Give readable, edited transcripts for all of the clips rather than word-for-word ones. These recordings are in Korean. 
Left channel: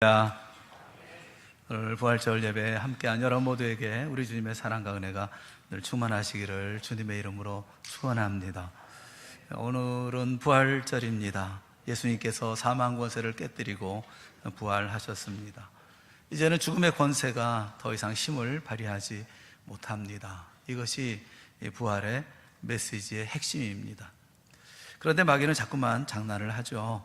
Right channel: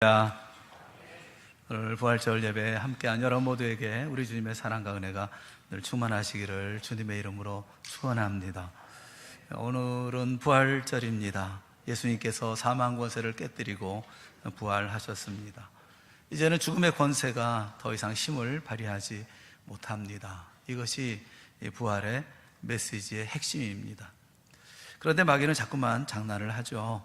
오늘 부활절 예배에 함께한 여러분 모두에게 우리 주님의 사랑과 은혜가 늘 충만하시기를 주님의 이름으로 축원합니다. 오늘은 부활절입니다. 예수님께서 사망 권세를 깨뜨리고 부활하셨습니다. 이제는 죽음의 권세가 더 이상 힘을 발휘하지 못합니다. 이것이 부활의 메시지의 핵심입니다. 그런데 마귀는 자꾸만 장난을 하죠.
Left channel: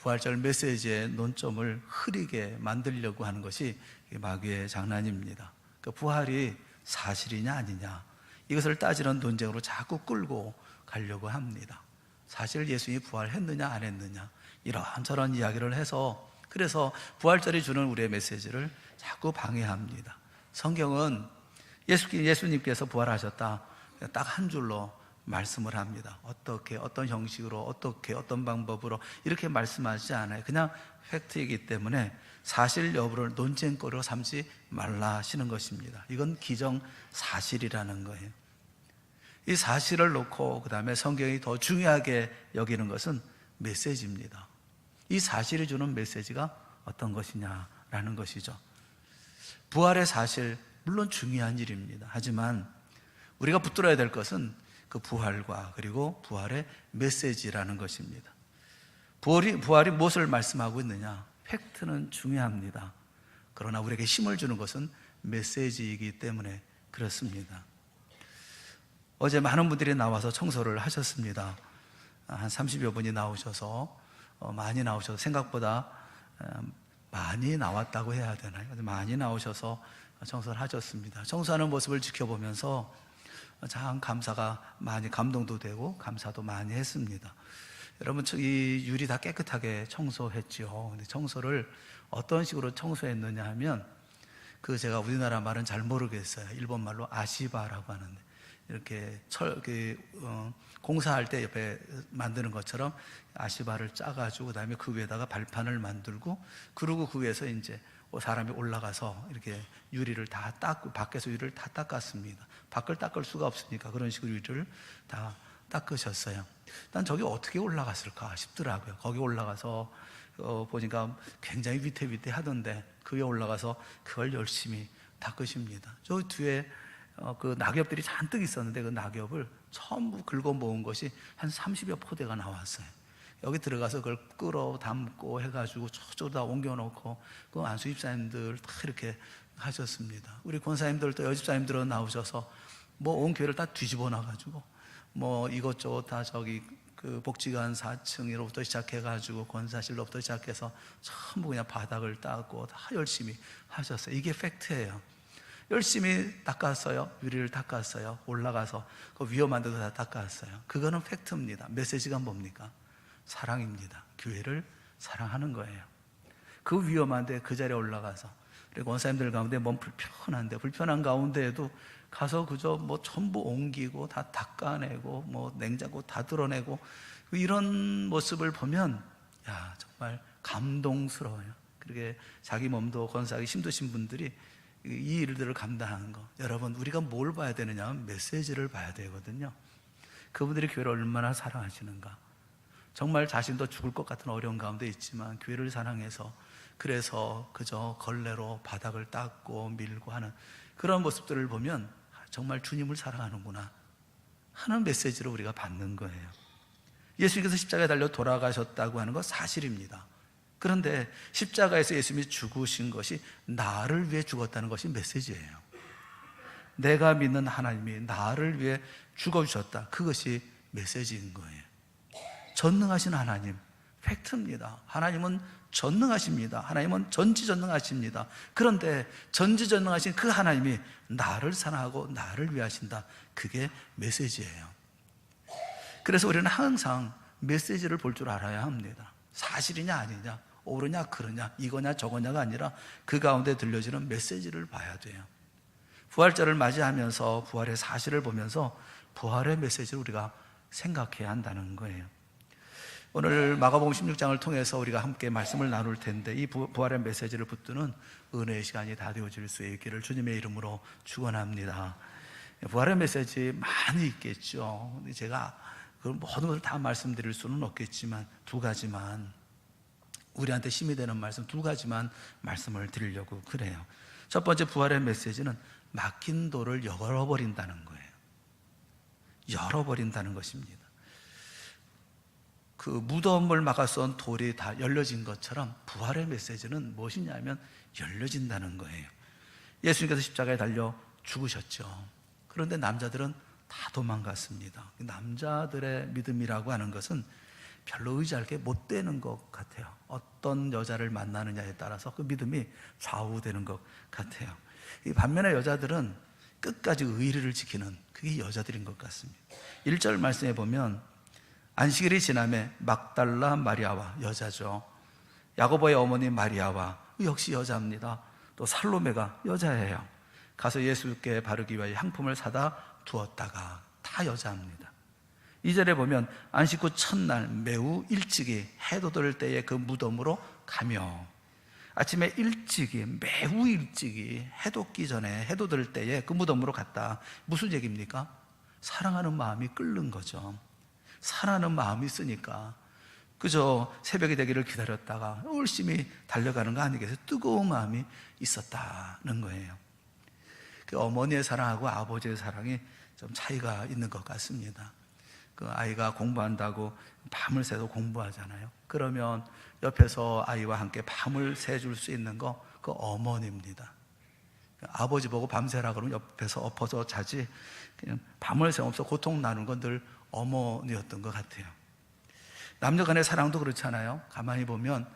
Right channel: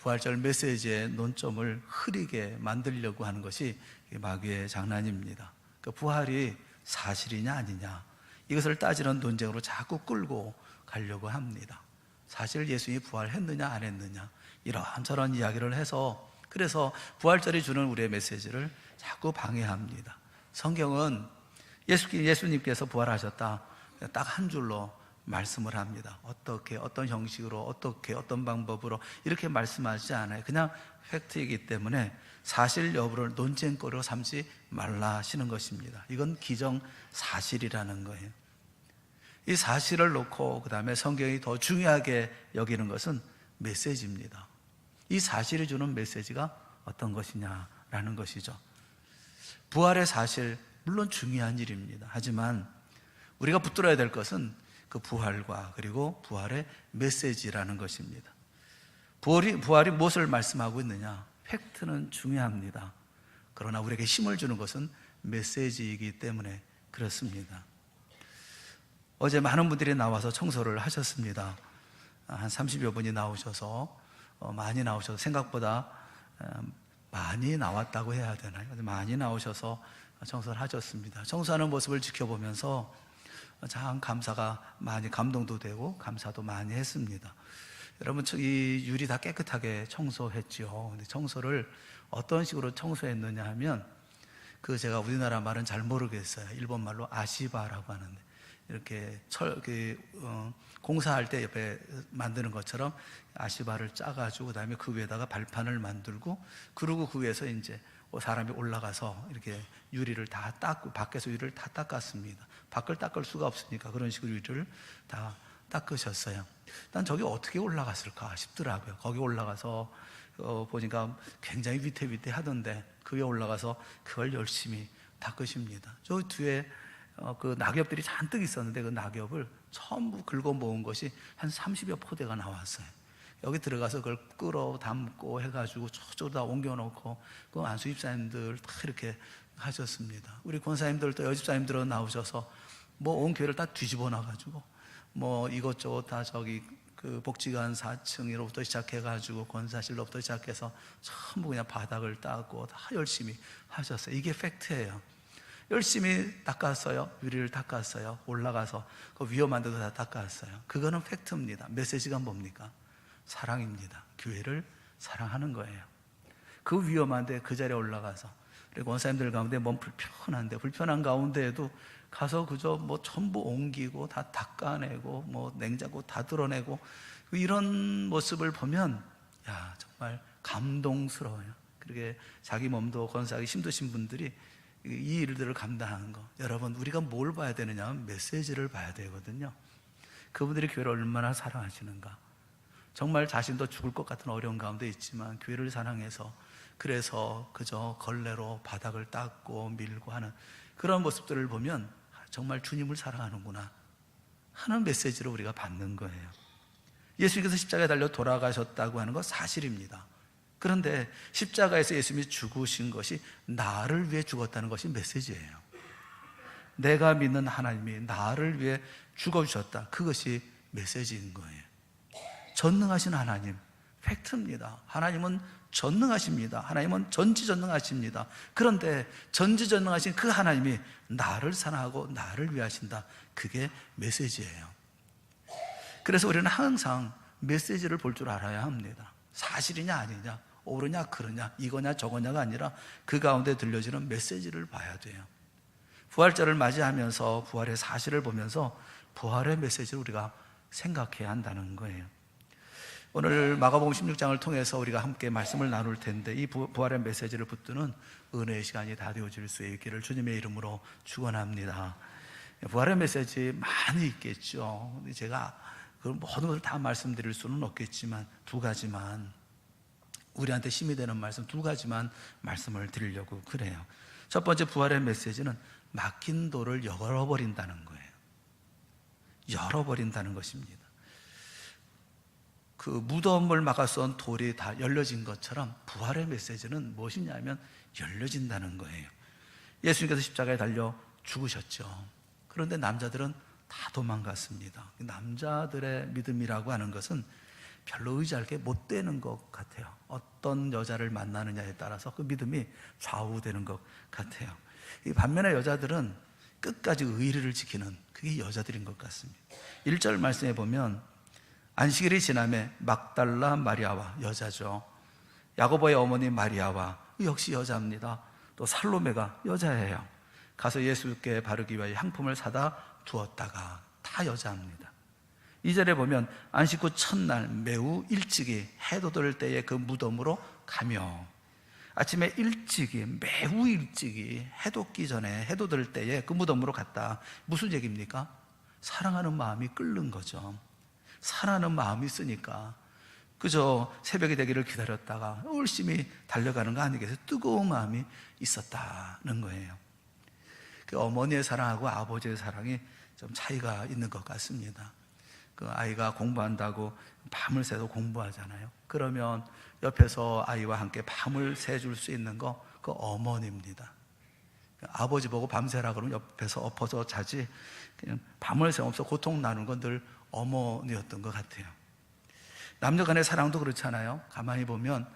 부활절 메시지의 논점을 흐리게 만들려고 하는 것이 마귀의 장난입니다. 그 부활이 사실이냐 아니냐 이것을 따지는 논쟁으로 자꾸 끌고 가려고 합니다. 사실 예수님이 부활했느냐 안 했느냐 이런저런 이야기를 해서 그래서 부활절이 주는 우리의 메시지를 자꾸 방해합니다. 성경은 예수님께서 부활하셨다 딱 한 줄로 말씀을 합니다. 어떻게 어떤 형식으로 어떻게 어떤 방법으로 이렇게 말씀하지 않아요. 그냥 팩트이기 때문에 사실 여부를 논쟁거리로 삼지 말라 하시는 것입니다. 이건 기정사실이라는 거예요. 이 사실을 놓고 그 다음에 성경이 더 중요하게 여기는 것은 메시지입니다. 이 사실이 주는 메시지가 어떤 것이냐라는 것이죠. 부활의 사실 물론 중요한 일입니다. 하지만 우리가 붙들어야 될 것은 그 부활과 그리고 부활의 메시지라는 것입니다. 부활이 무엇을 말씀하고 있느냐? 팩트는 중요합니다. 그러나 우리에게 힘을 주는 것은 메시지이기 때문에 그렇습니다. 어제 많은 분들이 나와서 청소를 하셨습니다. 한 30여 분이 나오셔서 많이 나오셔서 생각보다 많이 나왔다고 해야 되나요? 많이 나오셔서 청소를 하셨습니다. 청소하는 모습을 지켜보면서 참 감사가 많이 감동도 되고 감사도 많이 했습니다. 여러분 이 유리 다 깨끗하게 청소했죠. 근데 청소를 어떤 식으로 청소했느냐 하면 제가 우리나라 말은 잘 모르겠어요. 일본 말로 아시바라고 하는데 이렇게 공사할 때 옆에 만드는 것처럼 아시바를 짜가지고 그다음에 그 위에다가 발판을 만들고 그리고 그 위에서 이제 사람이 올라가서 이렇게 유리를 다 닦고 밖에서 유리를 다 닦았습니다. 밖을 닦을 수가 없으니까 그런 식으로 유리를 다 닦으셨어요. 난 저기 어떻게 올라갔을까 싶더라고요. 거기 올라가서 보니까 굉장히 위태위태하던데 그 위에 올라가서 그걸 열심히 닦으십니다. 저 뒤에 그 낙엽들이 잔뜩 있었는데 그 낙엽을 전부 긁어 모은 것이 한 30여 포대가 나왔어요. 여기 들어가서 그걸 끌어 담고 해가지고 저쪽으로 다 옮겨놓고 그 안수 집사님들 다 이렇게 하셨습니다. 우리 권사님들 또 여집사님들은 나오셔서 온 교회를 다 뒤집어 놔가지고 이것저것 다 저기 그 복지관 4층으로부터 시작해가지고 권사실로부터 시작해서 전부 그냥 바닥을 닦고 다 열심히 하셨어요. 이게 팩트예요. 열심히 닦았어요. 유리를 닦았어요. 올라가서 그 위험한 데도 다 닦았어요. 그거는 팩트입니다. 메시지가 뭡니까? 사랑입니다. 교회를 사랑하는 거예요. 그 위험한데 그 자리에 올라가서 그리고 원사님들 가운데 몸 불편한 가운데에도 가서 그저 전부 옮기고 다 닦아내고 냉장고 다 뚫어내고 이런 모습을 보면 정말 감동스러워요. 그렇게 자기 몸도 건사하기 힘드신 분들이 이 일들을 감당하는 거. 여러분 우리가 뭘 봐야 되느냐 하면 메시지를 봐야 되거든요. 그분들이 교회를 얼마나 사랑하시는가. 정말 자신도 죽을 것 같은 어려운 가운데 있지만 교회를 사랑해서 그래서 그저 걸레로 바닥을 닦고 밀고 하는 그런 모습들을 보면 정말 주님을 사랑하는구나 하는 메시지를 우리가 받는 거예요. 예수님께서 십자가에 달려 돌아가셨다고 하는 건 사실입니다. 그런데 십자가에서 예수님이 죽으신 것이 나를 위해 죽었다는 것이 메시지예요. 내가 믿는 하나님이 나를 위해 죽어주셨다. 그것이 메시지인 거예요. 전능하신 하나님, 팩트입니다. 하나님은 전능하십니다. 하나님은 전지전능하십니다. 그런데 전지전능하신 그 하나님이 나를 사랑하고 나를 위하신다. 그게 메시지예요. 그래서 우리는 항상 메시지를 볼 줄 알아야 합니다. 사실이냐 아니냐, 옳으냐 그러냐, 이거냐 저거냐가 아니라 그 가운데 들려지는 메시지를 봐야 돼요. 부활절을 맞이하면서 부활의 사실을 보면서 부활의 메시지를 우리가 생각해야 한다는 거예요. 오늘 마가복음 16장을 통해서 우리가 함께 말씀을 나눌 텐데 이 부활의 메시지를 붙드는 은혜의 시간이 다 되어질 수 있기를 주님의 이름으로 축원합니다. 부활의 메시지 많이 있겠죠. 제가 그 모든 것을 다 말씀드릴 수는 없겠지만 두 가지만 우리한테 힘이 되는 말씀 두 가지만 말씀을 드리려고 그래요. 첫 번째 부활의 메시지는 막힌 돌을 열어버린다는 거예요. 열어버린다는 것입니다. 그 무덤을 막아선 돌이 다 열려진 것처럼 부활의 메시지는 무엇이냐면 열려진다는 거예요. 예수님께서 십자가에 달려 죽으셨죠. 그런데 남자들은 다 도망갔습니다. 남자들의 믿음이라고 하는 것은 별로 의지할 게 못 되는 것 같아요. 어떤 여자를 만나느냐에 따라서 그 믿음이 좌우되는 것 같아요. 이 반면에 여자들은 끝까지 의리를 지키는 그게 여자들인 것 같습니다. 1절 말씀에 보면 안식일이 지남에 막달라 마리아와 여자죠. 야고보의 어머니 마리아와 역시 여자입니다. 또 살로메가 여자예요. 가서 예수께 바르기 위하여 향품을 사다 두었다가 다 여자입니다. 2절에 보면 안식 후 첫날 매우 일찍이 해도 들 때에 그 무덤으로 가며 아침에 일찍이 매우 일찍이 해도 끼 전에 해도 들 때에 그 무덤으로 갔다. 무슨 얘기입니까? 사랑하는 마음이 끓는 거죠. 사랑하는 마음이 있으니까 그저 새벽이 되기를 기다렸다가 열심히 달려가는 거 아니겠어요? 뜨거운 마음이 있었다는 거예요. 그 어머니의 사랑하고 아버지의 사랑이 좀 차이가 있는 것 같습니다. 그 아이가 공부한다고 밤을 새도 공부하잖아요. 그러면 옆에서 아이와 함께 밤을 새줄 수 있는 거 그 어머니입니다. 아버지 보고 밤새라 그러면 옆에서 엎어서 자지 그냥 밤을 새면서 고통 나누는 건 늘 어머니였던 것 같아요. 남녀 간의 사랑도 그렇잖아요. 가만히 보면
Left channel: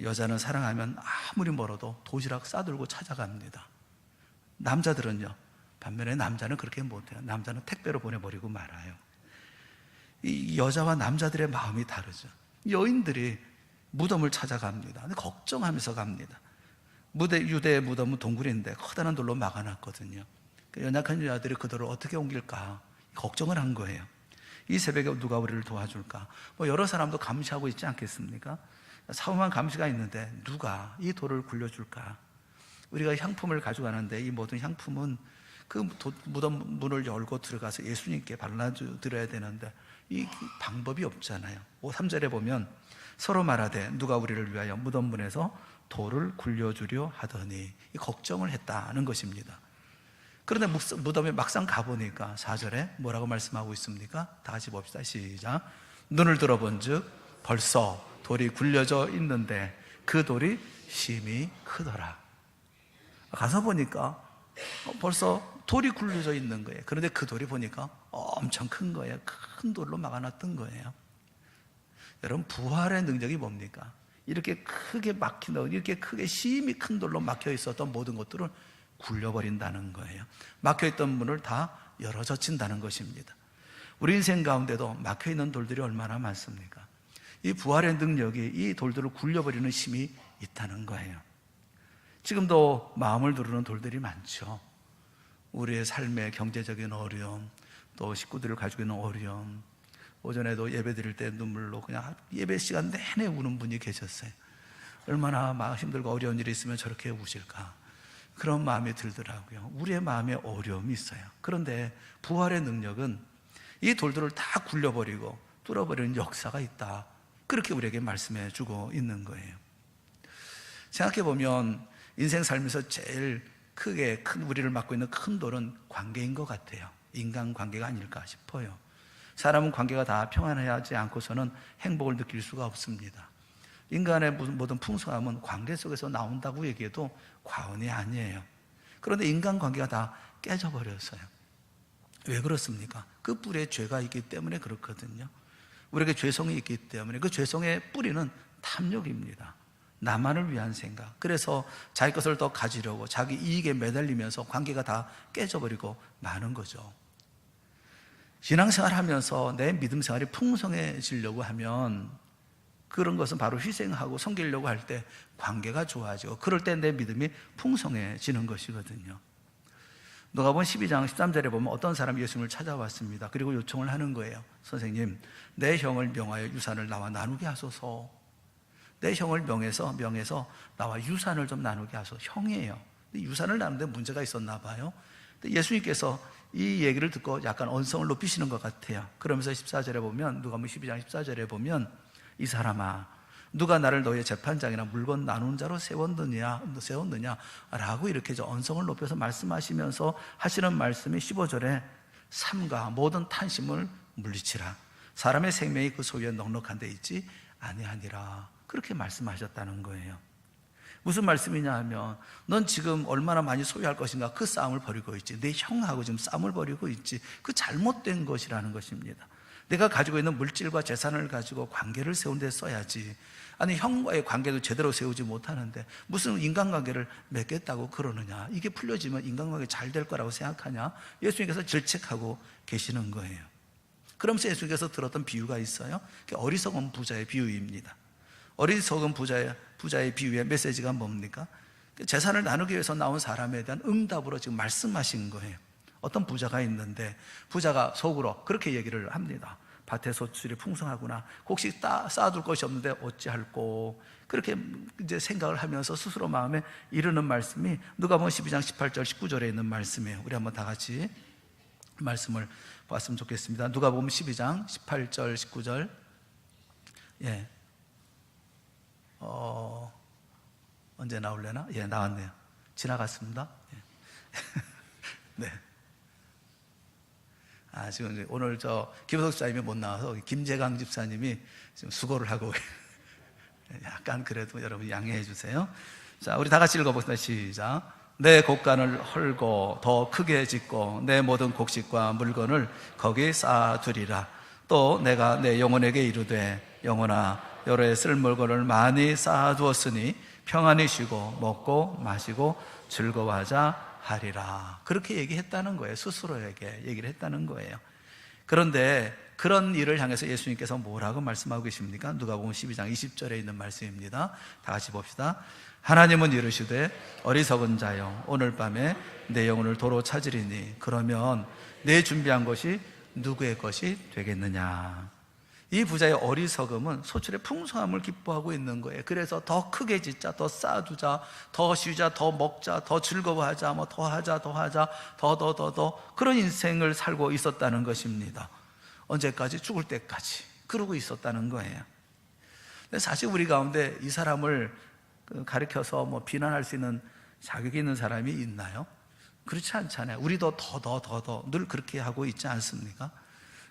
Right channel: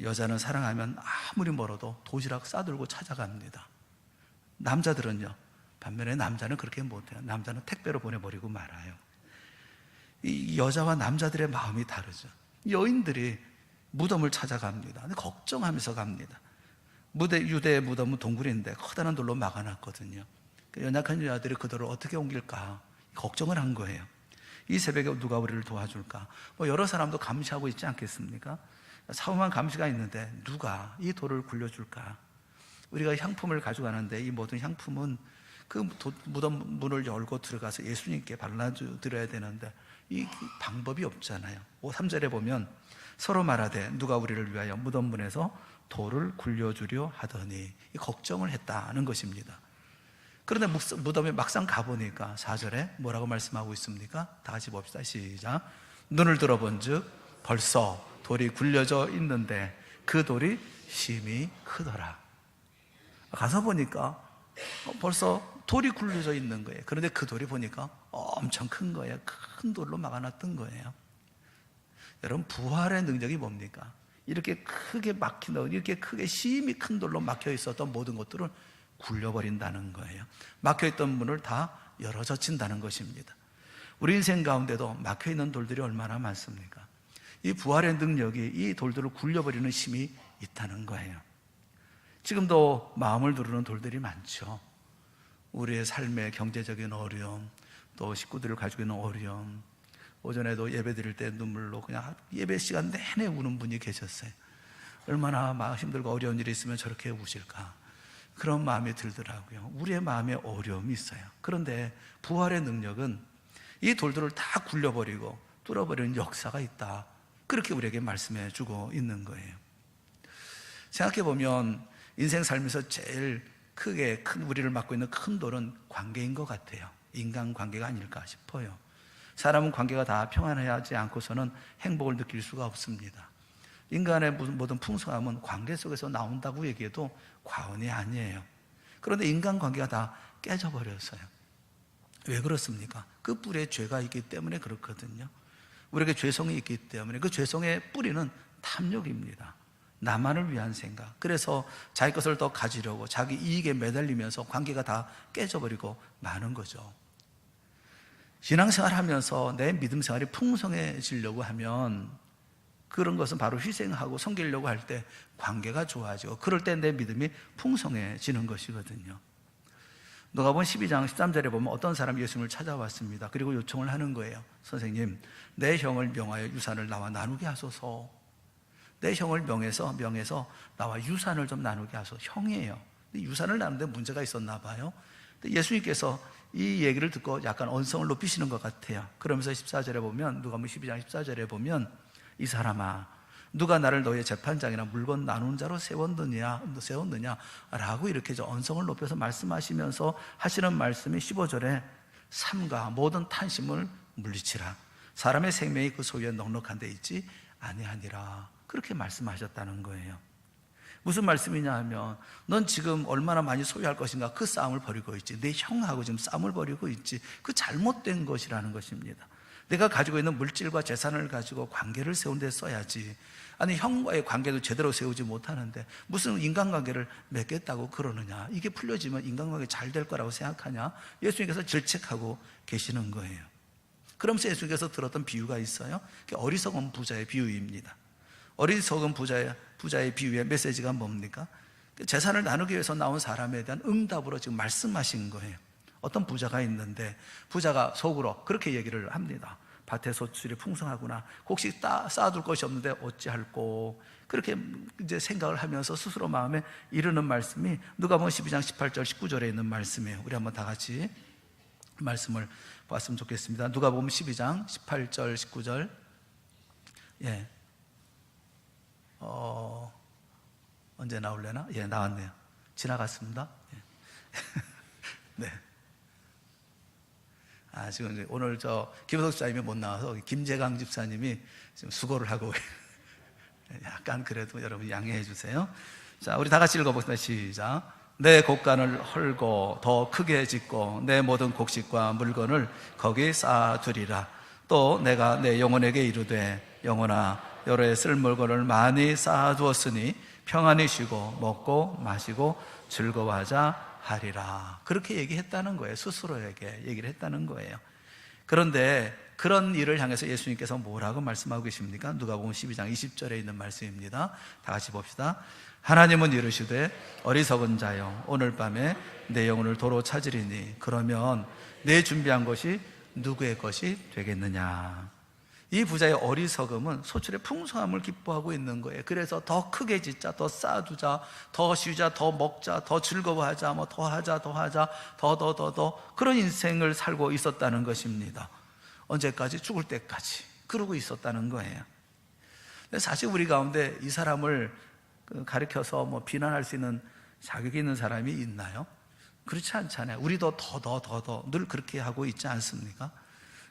여자는 사랑하면 아무리 멀어도 도시락 싸들고 찾아갑니다. 남자들은요. 반면에 남자는 그렇게 못해요. 남자는 택배로 보내버리고 말아요. 이 여자와 남자들의 마음이 다르죠. 여인들이 무덤을 찾아갑니다. 근데 걱정하면서 갑니다. 유대의 무덤은 동굴인데 커다란 돌로 막아놨거든요. 연약한 여자들이 그 돌을 어떻게 옮길까 걱정을 한 거예요. 이 새벽에 누가 우리를 도와줄까? 여러 사람도 감시하고 있지 않겠습니까? 사후만 감시가 있는데 누가 이 돌을 굴려줄까? 우리가 향품을 가져가는데 이 모든 향품은 그 무덤 문을 열고 들어가서 예수님께 발라드려야 되는데 이 방법이 없잖아요. 3절에 보면 서로 말하되 누가 우리를 위하여 무덤 문에서 돌을 굴려주려 하더니 걱정을 했다는 것입니다. 그런데 무덤에 막상 가보니까 4절에 뭐라고 말씀하고 있습니까? 다 같이 봅시다. 시작. 눈을 들어본 즉 벌써 돌이 굴려져 있는데 그 돌이 심히 크더라. 가서 보니까 벌써 돌이 굴려져 있는 거예요. 그런데 그 돌이 보니까 엄청 큰 거예요. 큰 돌로 막아놨던 거예요. 여러분 부활의 능력이 뭡니까? 이렇게 크게 막힌 이렇게 크게 심히 큰 돌로 막혀 있었던 모든 것들을 굴려버린다는 거예요. 막혀있던 문을 다 열어젖힌다는 것입니다. 우리 인생 가운데도 막혀있는 돌들이 얼마나 많습니까? 이 부활의 능력이 이 돌들을 굴려버리는 힘이 있다는 거예요. 지금도 마음을 두르는 돌들이 많죠. 우리의 삶의 경제적인 어려움, 또 식구들을 가지고 있는 어려움, 오전에도 예배 드릴 때 눈물로 그냥 예배 시간 내내 우는 분이 계셨어요. 얼마나 마음 힘들고 어려운 일이 있으면 저렇게 우실까? 그런 마음이 들더라고요. 우리의 마음에 어려움이 있어요. 그런데 부활의 능력은 이 돌들을 다 굴려버리고 뚫어버리는 역사가 있다. 그렇게 우리에게 말씀해 주고 있는 거예요. 생각해보면 인생 살면서 제일 크게 큰 우리를 막고 있는 큰 돌은 관계인 것 같아요. 인간관계가 아닐까 싶어요. 사람은 관계가 다 평안하지 않고서는 행복을 느낄 수가 없습니다. 인간의 모든 풍성함은 관계 속에서 나온다고 얘기해도 과언이 아니에요. 그런데 인간관계가 다 깨져버렸어요. 왜 그렇습니까? 그 뿌리에 죄가 있기 때문에 그렇거든요. 우리에게 죄성이 있기 때문에 그 죄성의 뿌리는 탐욕입니다. 나만을 위한 생각. 그래서 자기 것을 더 가지려고 자기 이익에 매달리면서 관계가 다 깨져버리고 마는 거죠. 신앙생활 하면서 내 믿음 생활이 풍성해지려고 하면 그런 것은 바로 희생하고 섬기려고 할 때 관계가 좋아지고 그럴 때 내 믿음이 풍성해지는 것이거든요. 누가복음 12장 13절에 보면 어떤 사람이 예수님을 찾아왔습니다. 그리고 요청을 하는 거예요. 선생님, 내 형을 명하여 유산을 나와 나누게 하소서. 내 형을 명해서 나와 유산을 좀 나누게 하소서. 형이에요. 유산을 나누는데 문제가 있었나 봐요. 예수님께서 이 얘기를 듣고 약간 언성을 높이시는 것 같아요. 그러면서 14절에 보면 누가복음 12장 14절에 보면 이 사람아 누가 나를 너의 재판장이나 물건 나눈 자로 세웠느냐라고 이렇게 언성을 높여서 말씀하시면서 하시는 말씀이 15절에 삼가 모든 탄심을 물리치라. 사람의 생명이 그 소유에 넉넉한 데 있지 아니하니라. 그렇게 말씀하셨다는 거예요. 무슨 말씀이냐 하면 넌 지금 얼마나 많이 소유할 것인가 그 싸움을 벌이고 있지. 내 형하고 지금 싸움을 벌이고 있지. 그 잘못된 것이라는 것입니다. 내가 가지고 있는 물질과 재산을 가지고 관계를 세운 데 써야지. 아니 형과의 관계도 제대로 세우지 못하는데 무슨 인간관계를 맺겠다고 그러느냐. 이게 풀려지면 인간관계 잘 될 거라고 생각하냐. 예수님께서 질책하고 계시는 거예요. 그러면서 예수님께서 들었던 비유가 있어요. 어리석은 부자의 비유입니다. 어리석은 부자의 비유의 메시지가 뭡니까? 재산을 나누기 위해서 나온 사람에 대한 응답으로 지금 말씀하신 거예요. 어떤 부자가 있는데 부자가 속으로 그렇게 얘기를 합니다. 밭에 소출이 풍성하구나. 혹시 쌓아둘 것이 없는데 어찌할꼬. 그렇게 이제 생각을 하면서 스스로 마음에 이르는 말씀이 누가복음 12장 18절 19절에 있는 말씀이에요. 우리 한번 다 같이 말씀을 봤으면 좋겠습니다. 누가복음 12장 18절 19절. 예. 언제 나올래나? 예, 나왔네요. 지나갔습니다. 예. 네. 지금 오늘 김효석 집사님이 못 나와서 김재강 집사님이 지금 수고를 하고 약간 그래도 여러분 양해해 주세요. 자, 우리 다 같이 읽어보겠습니다. 시작. 내 곡간을 헐고 더 크게 짓고 내 모든 곡식과 물건을 거기 쌓아두리라. 또 내가 내 영혼에게 이르되 영혼아 여러 쓸 물건을 많이 쌓아두었으니 평안히 쉬고 먹고 마시고 즐거워하자 하리라. 그렇게 얘기했다는 거예요. 스스로에게 얘기를 했다는 거예요. 그런데 그런 일을 향해서 예수님께서 뭐라고 말씀하고 계십니까? 누가복음 12장 20절에 있는 말씀입니다. 다 같이 봅시다. 하나님은 이르시되 어리석은 자여 오늘 밤에 내 영혼을 도로 찾으리니 그러면 내 준비한 것이 누구의 것이 되겠느냐. 이 부자의 어리석음은 소출의 풍성함을 기뻐하고 있는 거예요. 그래서 더 크게 짓자, 더 쌓아두자, 더 쉬자, 더 먹자, 더 즐거워하자, 뭐 더 하자, 더 그런 인생을 살고 있었다는 것입니다. 언제까지? 죽을 때까지 그러고 있었다는 거예요. 근데 사실 우리 가운데 이 사람을 가리켜서 뭐 비난할 수 있는 자격이 있는 사람이 있나요? 그렇지 않잖아요. 우리도 더 늘 그렇게 하고 있지 않습니까?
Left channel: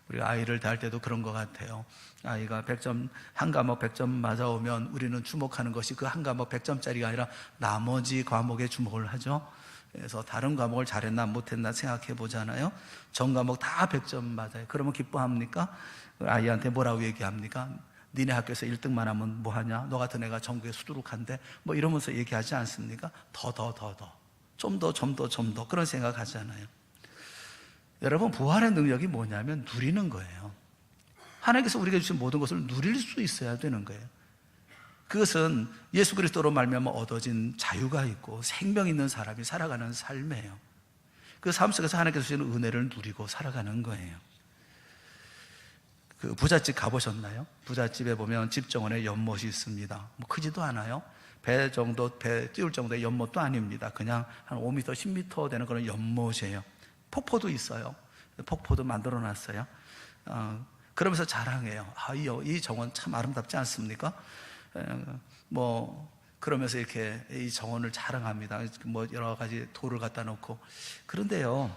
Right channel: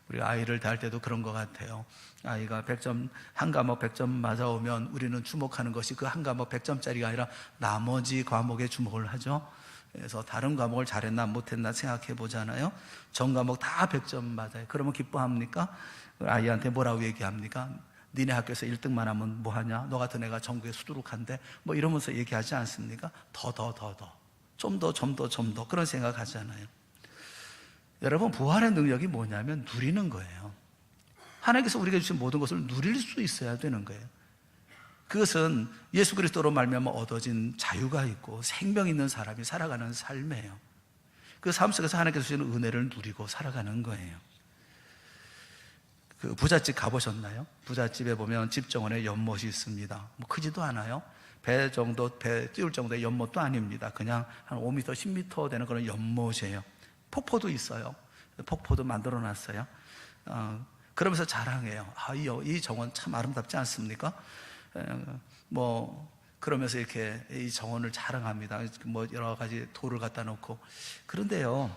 우리 아이를 대할 때도 그런 것 같아요. 아이가 100점, 한 과목 100점 맞아오면 우리는 주목하는 것이 그 한 과목 100점짜리가 아니라 나머지 과목에 주목을 하죠. 그래서 다른 과목을 잘했나 못했나 생각해 보잖아요. 전 과목 다 100점 맞아요. 그러면 기뻐합니까? 아이한테 뭐라고 얘기합니까? 니네 학교에서 1등만 하면 뭐하냐? 너 같은 애가 전국에 수두룩한데 뭐 이러면서 얘기하지 않습니까? 좀 더 그런 생각하잖아요. 여러분 부활의 능력이 뭐냐면 누리는 거예요. 하나님께서 우리에게 주신 모든 것을 누릴 수 있어야 되는 거예요. 그것은 예수 그리스도로 말미암아 얻어진 자유가 있고 생명 있는 사람이 살아가는 삶이에요. 그 삶 속에서 하나님께서 주시는 은혜를 누리고 살아가는 거예요. 그 부잣집 가보셨나요? 부잣집에 보면 집 정원에 연못이 있습니다. 뭐 크지도 않아요. 배 띄울 정도의 연못도 아닙니다. 그냥 한 5m, 10m 되는 그런 연못이에요. 폭포도 있어요. 폭포도 만들어 놨어요. 그러면서 자랑해요. 이 정원 참 아름답지 않습니까? 그러면서 이렇게 이 정원을 자랑합니다. 뭐 여러 가지 돌을 갖다 놓고. 그런데요,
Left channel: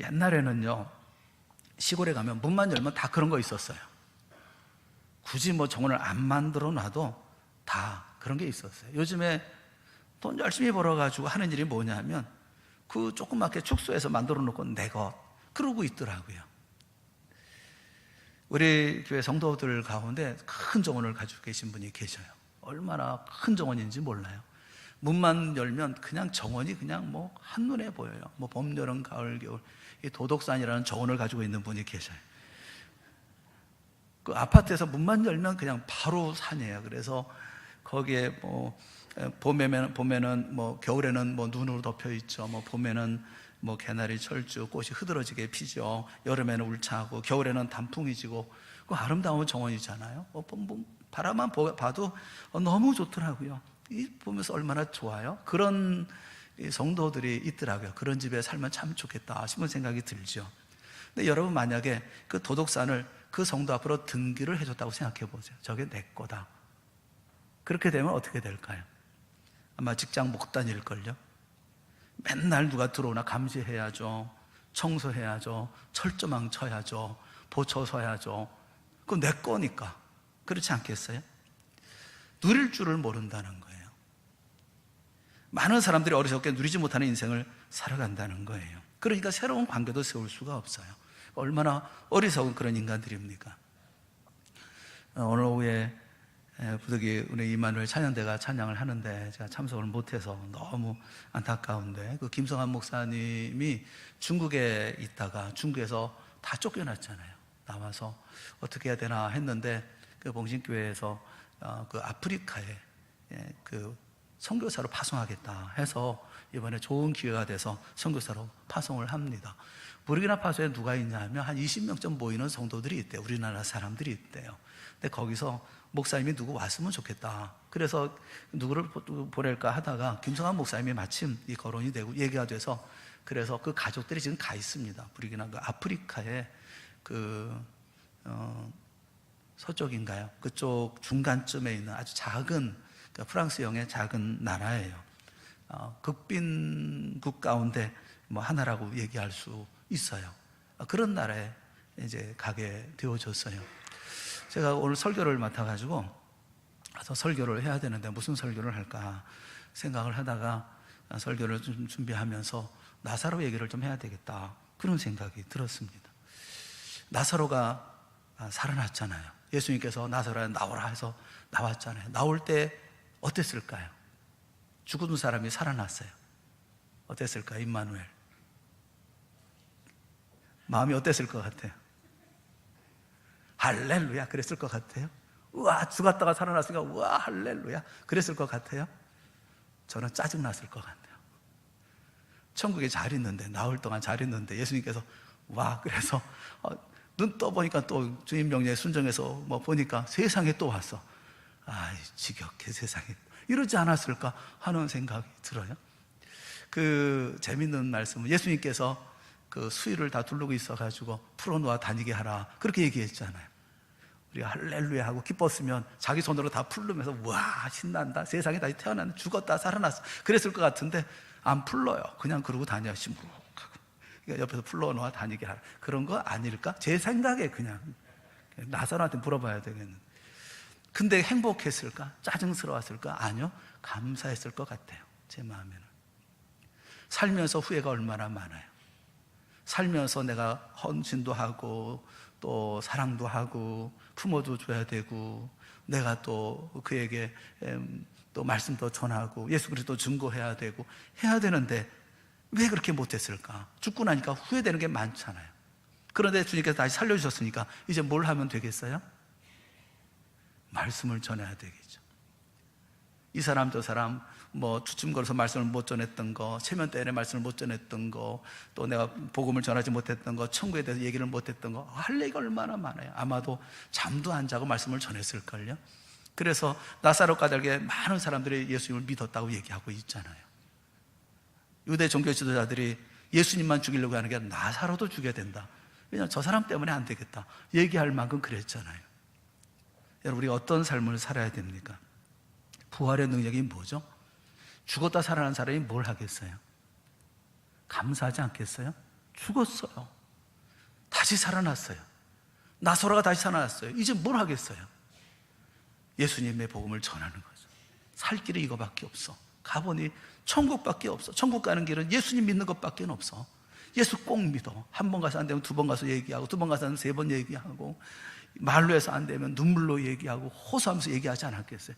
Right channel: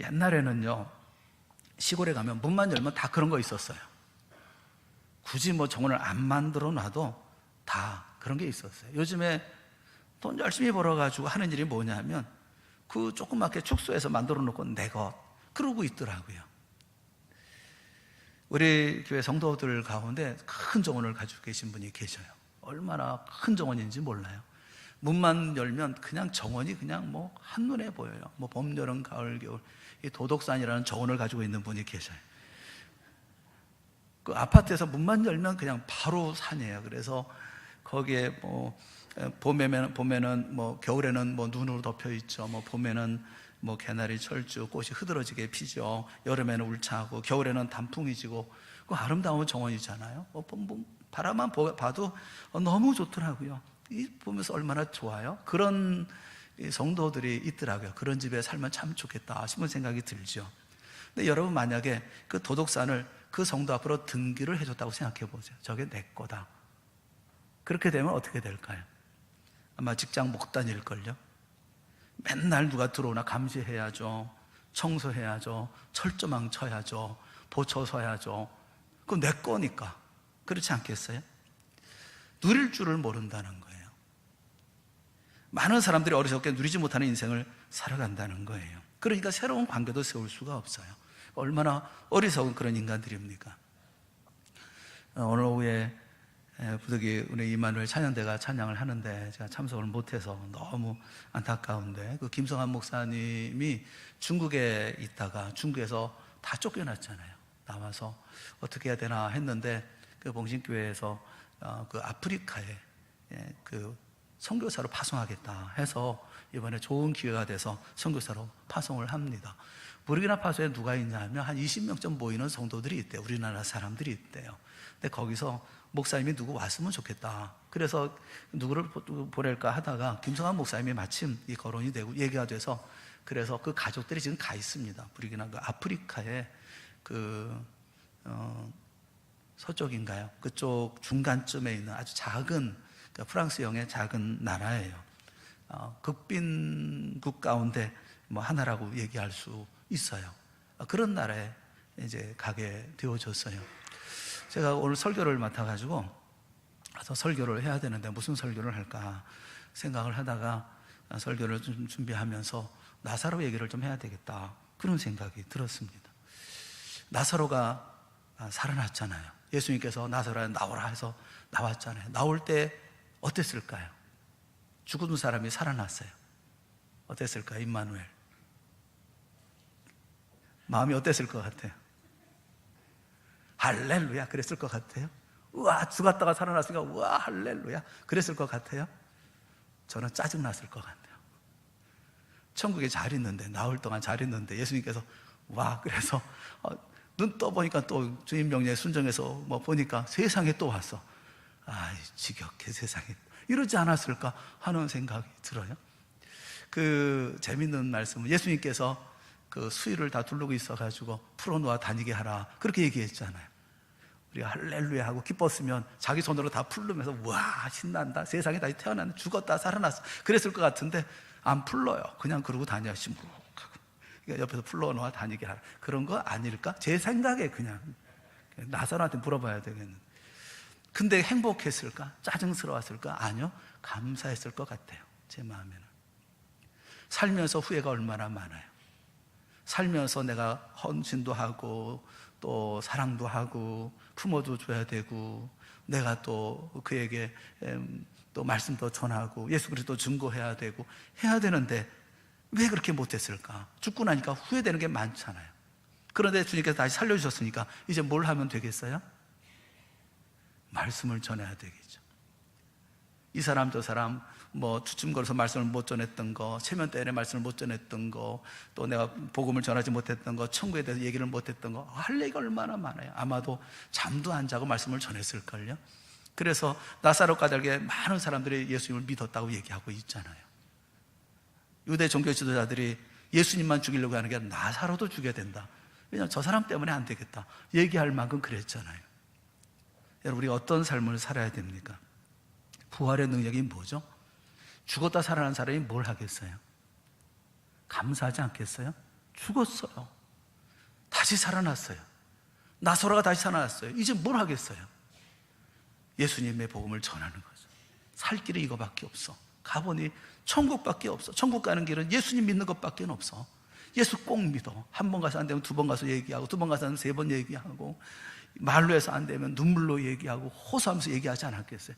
옛날에는요, 시골에 가면 문만 열면 다 그런 거 있었어요. 굳이 뭐 정원을 안 만들어 놔도 다 그런 게 있었어요. 요즘에 돈 열심히 벌어가지고 하는 일이 뭐냐면 그 조그맣게 축소해서 만들어 놓고 내 것 그러고 있더라고요. 우리 교회 성도들 가운데 큰 정원을 가지고 계신 분이 계셔요. 얼마나 큰 정원인지 몰라요. 문만 열면 그냥 정원이 그냥 뭐 한눈에 보여요. 뭐 봄, 여름, 가을, 겨울. 이 도덕산이라는 정원을 가지고 있는 분이 계셔요. 그 아파트에서 문만 열면 그냥 바로 산이에요. 그래서 거기에 뭐 봄에는 뭐 겨울에는 뭐 눈으로 덮여 있죠. 뭐 봄에는 뭐 개나리, 철쭉, 꽃이 흐드러지게 피죠. 여름에는 울창하고 겨울에는 단풍이 지고 그 아름다운 정원이잖아요. 바라만 봐도 너무 좋더라고요. 보면서 얼마나 좋아요. 그런 성도들이 있더라고요. 그런 집에 살면 참 좋겠다 싶은 생각이 들죠. 근데 여러분 만약에 그 도덕산을 그 성도 앞으로 등기를 해줬다고 생각해 보세요. 저게 내 거다. 그렇게 되면 어떻게 될까요? 아마 직장 못 다닐걸요. 맨날 누가 들어오나 감시해야죠. 청소해야죠. 철조망 쳐야죠. 보초 서야죠. 그건 내 거니까. 그렇지 않겠어요? 누릴 줄을 모른다는 거예요. 많은 사람들이 어리석게 누리지 못하는 인생을 살아간다는 거예요. 그러니까 새로운 관계도 세울 수가 없어요. 얼마나 어리석은 그런 인간들입니까? 오늘 오후에 부득이 우리 이만우엘 찬양대가 찬양을 하는데 제가 참석을 못해서 너무 안타까운데, 그 김성한 목사님이 중국에 있다가 중국에서 다 쫓겨났잖아요. 나와서 어떻게 해야 되나 했는데 그 봉신교회에서 그 아프리카에 그 선교사로 파송하겠다 해서 이번에 좋은 기회가 돼서 선교사로 파송을 합니다. 부르키나파소에 누가 있냐면 한 20명쯤 모이는 성도들이 있대요. 우리나라 사람들이 있대요. 근데 거기서 목사님이 누구 왔으면 좋겠다. 그래서 누구를 보낼까 하다가 김성한 목사님이 마침 이 거론이 되고 얘기가 돼서, 그래서 그 가족들이 지금 가 있습니다. 부르키나 그 아프리카에 서쪽인가요? 그쪽 중간쯤에 있는 아주 작은, 그러니까 프랑스형의 작은 나라예요. 극빈국 가운데 뭐 하나라고 얘기할 수 있어요. 그런 나라에 이제 가게 되어졌어요. 제가 오늘 설교를 맡아가지고 가서 설교를 해야 되는데 무슨 설교를 할까 생각을 하다가 설교를 좀 준비하면서 나사로 얘기를 좀 해야 되겠다, 그런 생각이 들었습니다. 나사로가 살아났잖아요. 예수님께서 나사로야 나오라 해서 나왔잖아요. 나올 때 어땠을까요? 죽은 사람이 살아났어요. 어땠을까요? 임마누엘 마음이 어땠을 것 같아요? 할렐루야 그랬을 것 같아요? 우와, 죽었다가 살아났으니까 우와 할렐루야 그랬을 것 같아요? 저는 짜증났을 것 같아요. 천국에 잘 있는데, 나올 동안 잘 있는데 예수님께서 와, 그래서 눈 떠보니까 또 주님 명령에 순종해서 뭐 보니까 세상에 또 왔어. 아이 지겹게 세상에 이러지 않았을까 하는 생각이 들어요. 그 재밌는 말씀은 예수님께서 그 수위를 다 두르고 있어가지고 풀어놓아 다니게 하라, 그렇게 얘기했잖아요. 우리가 할렐루야 하고 기뻤으면 자기 손으로 다 풀르면서 와 신난다, 세상에 다시 태어났네, 죽었다 살아났어, 그랬을 것 같은데 안 풀러요. 그냥 그러고 다녀. 그러니까 옆에서 풀러놓아 다니게 하라, 그런 거 아닐까? 제 생각에 그냥 나사로한테 물어봐야 되겠는데. 근데 행복했을까? 짜증스러웠을까? 아니요, 감사했을 것 같아요. 제 마음에는. 살면서 후회가 얼마나 많아요. 살면서 내가 헌신도 하고 또 사랑도 하고 품어도 줘야 되고, 내가 또 그에게 또 말씀도 전하고 예수 그리스도 증거해야 되고 해야 되는데 왜 그렇게 못했을까? 죽고 나니까 후회되는 게 많잖아요. 그런데 주님께서 다시 살려주셨으니까 이제 뭘 하면 되겠어요? 말씀을 전해야 되겠죠. 이 사람 저 사람 뭐 주춤거려서 말씀을 못 전했던 거, 체면 때문에 말씀을 못 전했던 거, 또 내가 복음을 전하지 못했던 거, 천국에 대해서 얘기를 못했던 거, 할 얘기가 얼마나 많아요. 아마도 잠도 안 자고 말씀을 전했을걸요. 그래서 나사로 까닭에 많은 사람들이 예수님을 믿었다고 얘기하고 있잖아요. 유대 종교 지도자들이 예수님만 죽이려고 하는 게 아니라 나사로도 죽여야 된다. 왜냐하면 저 사람 때문에 안 되겠다 얘기할 만큼 그랬잖아요. 여러분, 우리 어떤 삶을 살아야 됩니까? 부활의 능력이 뭐죠? 죽었다 살아난 사람이 뭘 하겠어요? 감사하지 않겠어요? 죽었어요. 다시 살아났어요. 나사로가 다시 살아났어요. 이제 뭘 하겠어요? 예수님의 복음을 전하는 거죠. 살 길이 이거밖에 없어. 가보니 천국밖에 없어. 천국 가는 길은 예수님 믿는 것밖에 없어. 예수 꼭 믿어. 한 번 가서 안 되면 두 번 가서 얘기하고, 두 번 가서는 세 번 얘기하고, 말로 해서 안 되면 눈물로 얘기하고 호소하면서 얘기하지 않았겠어요?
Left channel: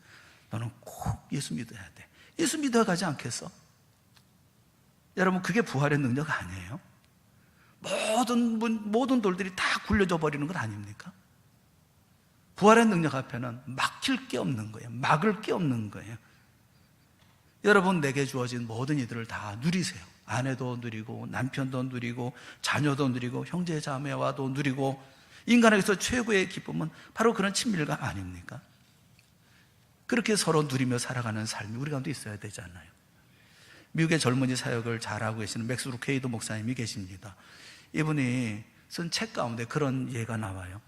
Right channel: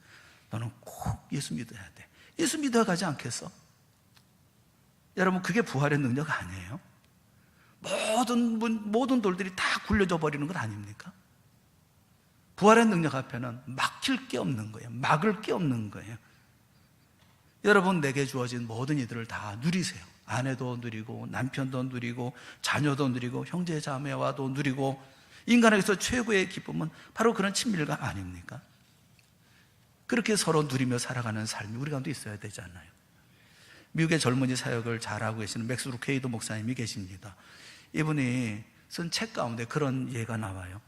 너는 꼭 예수 믿어야 돼. 예수 믿어 가지 않겠어? 여러분, 그게 부활의 능력 아니에요? 모든 돌들이 다 굴려져 버리는 건 아닙니까? 부활의 능력 앞에는 막힐 게 없는 거예요. 막을 게 없는 거예요. 여러분, 내게 주어진 모든 이들을 다 누리세요. 아내도 누리고 남편도 누리고 자녀도 누리고 형제 자매와도 누리고, 인간에게서 최고의 기쁨은 바로 그런 친밀감 아닙니까? 그렇게 서로 누리며 살아가는 삶이 우리 가운데 있어야 되잖아요. 미국의 젊은이 사역을 잘하고 계시는 맥스 루케이도 목사님이 계십니다. 이분이 쓴 책 가운데 그런 예가 나와요.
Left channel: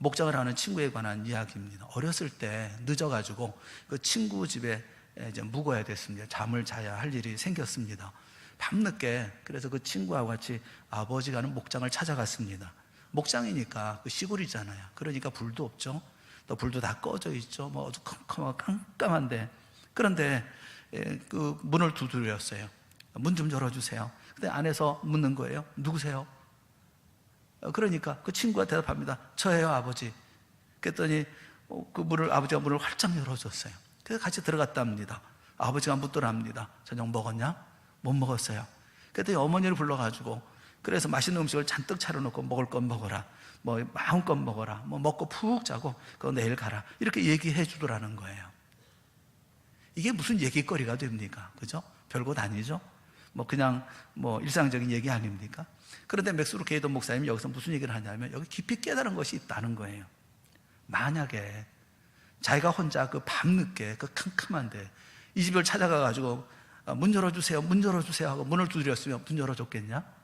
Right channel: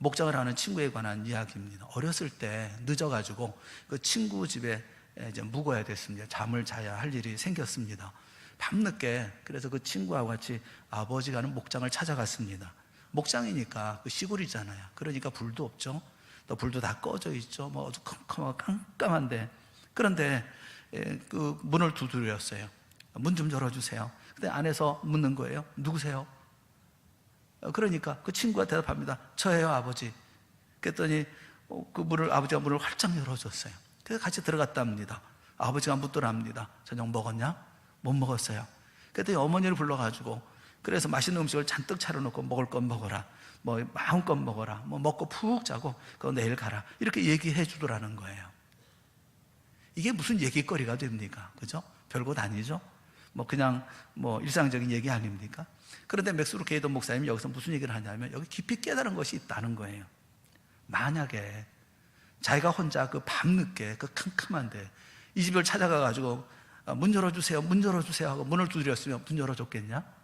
목장을 하는 친구에 관한 이야기입니다. 어렸을 때 늦어가지고 그 친구 집에 이제 묵어야 됐습니다. 잠을 자야 할 일이 생겼습니다. 밤늦게 그래서 그 친구하고 같이 아버지가 하는 목장을 찾아갔습니다. 목장이니까 그 시골이잖아요. 그러니까 불도 없죠. 또 불도 다 꺼져 있죠. 뭐 어두컴컴하고 깜깜한데, 그런데 그 문을 두드렸어요. 문 좀 열어주세요. 근데 안에서 묻는 거예요. 누구세요? 그러니까 그 친구가 대답합니다. 저예요, 아버지. 그랬더니 아버지가 문을 활짝 열어줬어요. 그래서 같이 들어갔답니다. 아버지가 묻더랍니다. 저녁 먹었냐? 못 먹었어요. 그랬더니 어머니를 불러가지고, 그래서 맛있는 음식을 잔뜩 차려놓고 먹을 건 먹어라, 뭐 마음껏 먹어라, 뭐 먹고 푹 자고 그거 내일 가라, 이렇게 얘기해 주더라는 거예요. 이게 무슨 얘기거리가 됩니까? 그죠? 별것 아니죠? 뭐 그냥 뭐 일상적인 얘기 아닙니까? 그런데 맥스루 게이던 목사님이 여기서 무슨 얘기를 하냐면, 여기 깊이 깨달은 것이 있다는 거예요. 만약에 자기가 혼자 그 밤늦게 그 캄캄한데 이 집을 찾아가가지고 문 열어주세요, 문 열어주세요 하고 문을 두드렸으면 문 열어줬겠냐?